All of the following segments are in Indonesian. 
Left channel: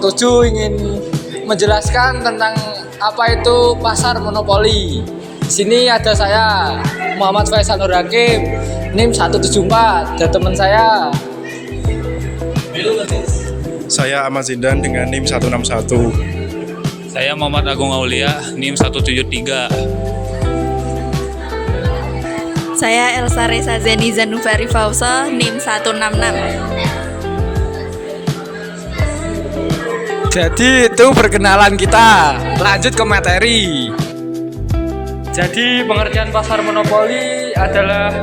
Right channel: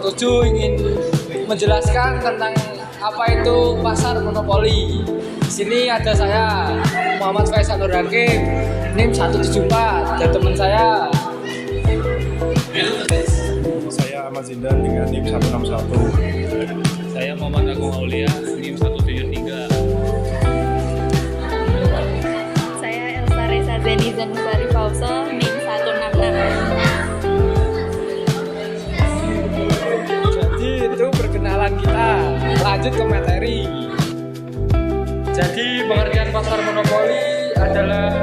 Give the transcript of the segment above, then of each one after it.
kelompok 7 ingin menjelaskan tentang apa itu pasar monopoli. Di sini ada saya, Muhammad Faisal Nur Hakim, NIM 174, dan teman saya. Saya Ahmad Zindan dengan NIM 161. Saya Muhammad Agung Aulia, NIM 173. Saya Elsa Reza Zeni Zanufari Fauso, NIM 166. Jadi itu perkenalan kita. Lanjut ke materi. Jadi pengertian pasar monopoli adalah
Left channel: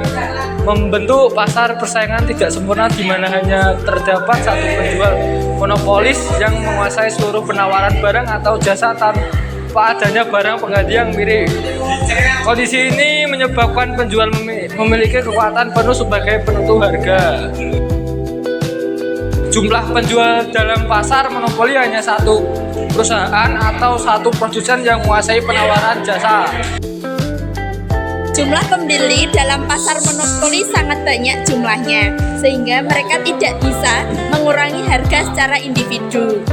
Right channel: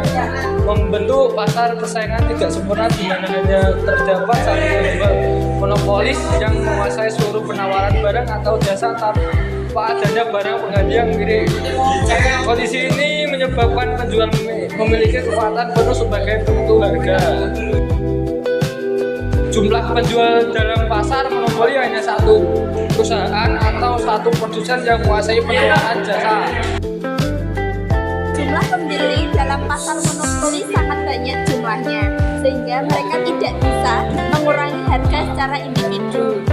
membentuk pasar persaingan tidak sempurna di mana hanya terdapat satu penjual monopolis yang menguasai seluruh penawaran barang atau jasa tanpa adanya barang pengganti yang mirip. Kondisi ini menyebabkan penjual memiliki kekuatan penuh sebagai penentu harga. Jumlah penjual dalam pasar monopoli hanya satu perusahaan atau satu produsen yang menguasai penawaran jasa. Jumlah pembeli dalam pasar monopoli sangat banyak jumlahnya, sehingga mereka tidak bisa mengurangi harga secara individu.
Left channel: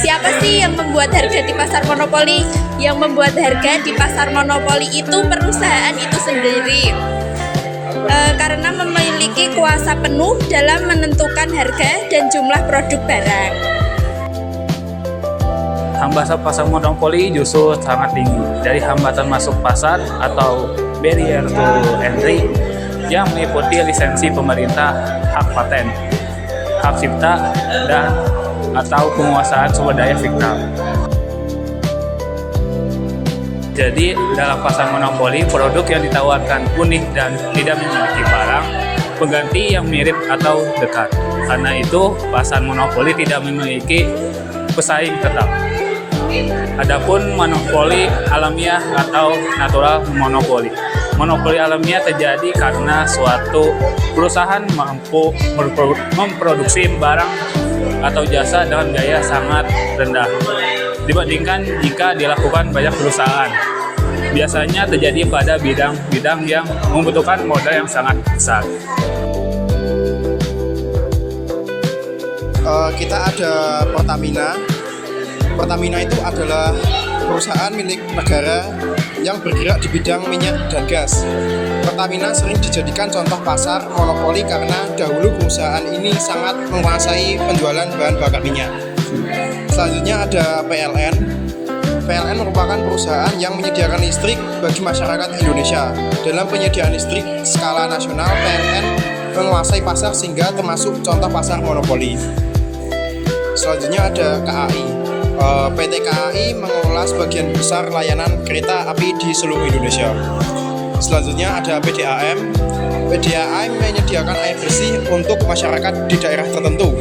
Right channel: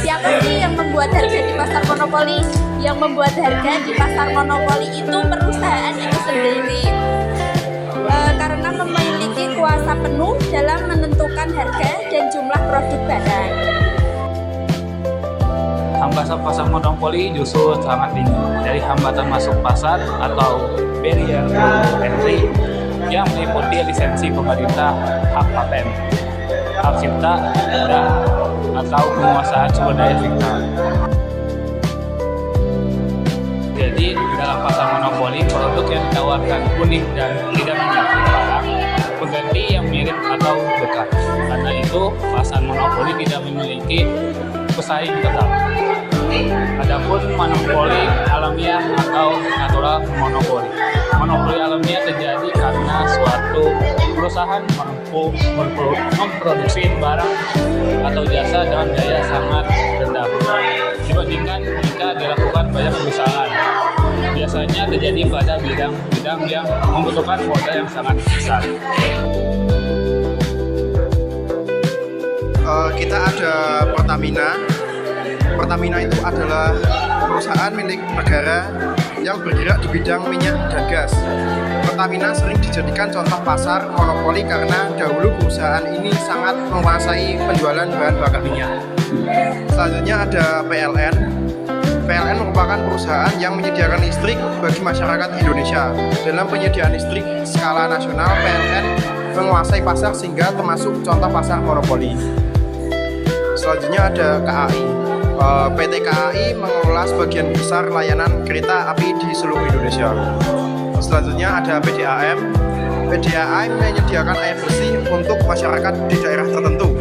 Siapa sih yang membuat harga di pasar monopoli? Yang membuat harga di pasar monopoli itu perusahaan itu sendiri. Karena memiliki kuasa penuh dalam menentukan harga dan jumlah produk barang. Hambatan pasar monopoli justru sangat tinggi. Dari hambatan masuk pasar atau barrier to entry yang meliputi lisensi pemerintah, hak paten, hak cipta, dan atau penguasaan sumber daya fiktif. Jadi dalam pasar monopoli, produk yang ditawarkan unik dan tidak memiliki barang pengganti yang mirip atau dekat. Karena itu, pasar monopoli tidak memiliki pesaing tetap. Adapun monopoli alamiah atau natural monopoli. Monopoli alamiah terjadi karena suatu perusahaan mampu memproduksi barang atau jasa dengan biaya sangat rendah dibandingkan jika dilakukan banyak perusahaan. Biasanya terjadi pada bidang-bidang yang membutuhkan modal yang sangat besar. Kita ada Pertamina. Pertamina itu adalah perusahaan milik negara yang bergerak di bidang minyak dan gas. Pertamina sering dijadikan contoh pasar monopoli karena dahulu perusahaan ini sangat menguasai penjualan bahan bakar minyak. Selanjutnya ada PLN. PLN merupakan perusahaan yang menyediakan listrik bagi masyarakat Indonesia. Dalam penyediaan listrik skala nasional, PLN menguasai pasar sehingga termasuk contoh pasar monopoli. Selanjutnya ada KAI. PT KAI mengelola sebagian besar layanan kereta api di seluruh Indonesia. Selanjutnya ada PDAM. PDAM menyediakan air bersih untuk masyarakat di daerah tertentu.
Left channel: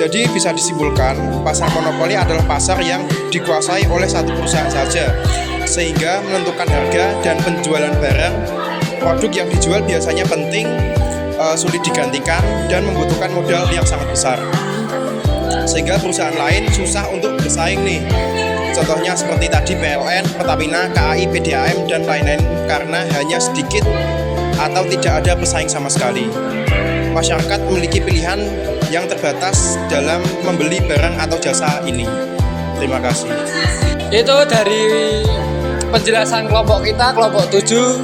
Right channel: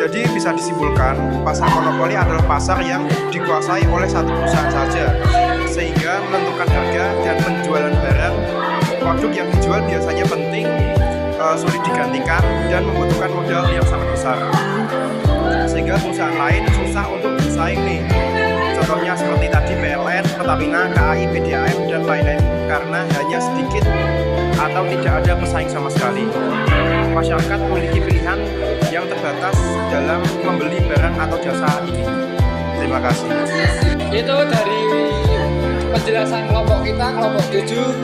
Jadi bisa disimpulkan, pasar monopoli adalah pasar yang dikuasai oleh satu perusahaan saja, sehingga menentukan harga dan penjualan barang. Produk yang dijual biasanya penting, sulit digantikan, dan membutuhkan modal yang sangat besar. Sehingga perusahaan lain susah untuk bersaing nih. Contohnya seperti tadi PLN, Pertamina, KAI, PDAM, dan lain-lain karena hanya sedikit atau tidak ada pesaing sama sekali. Masyarakat memiliki pilihan yang terbatas dalam membeli barang atau jasa ini. Terima kasih. Itu dari penjelasan kelompok kita, kelompok 7.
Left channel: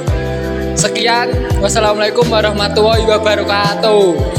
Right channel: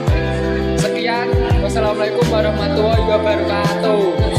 Sekian, wassalamualaikum warahmatullahi wabarakatuh.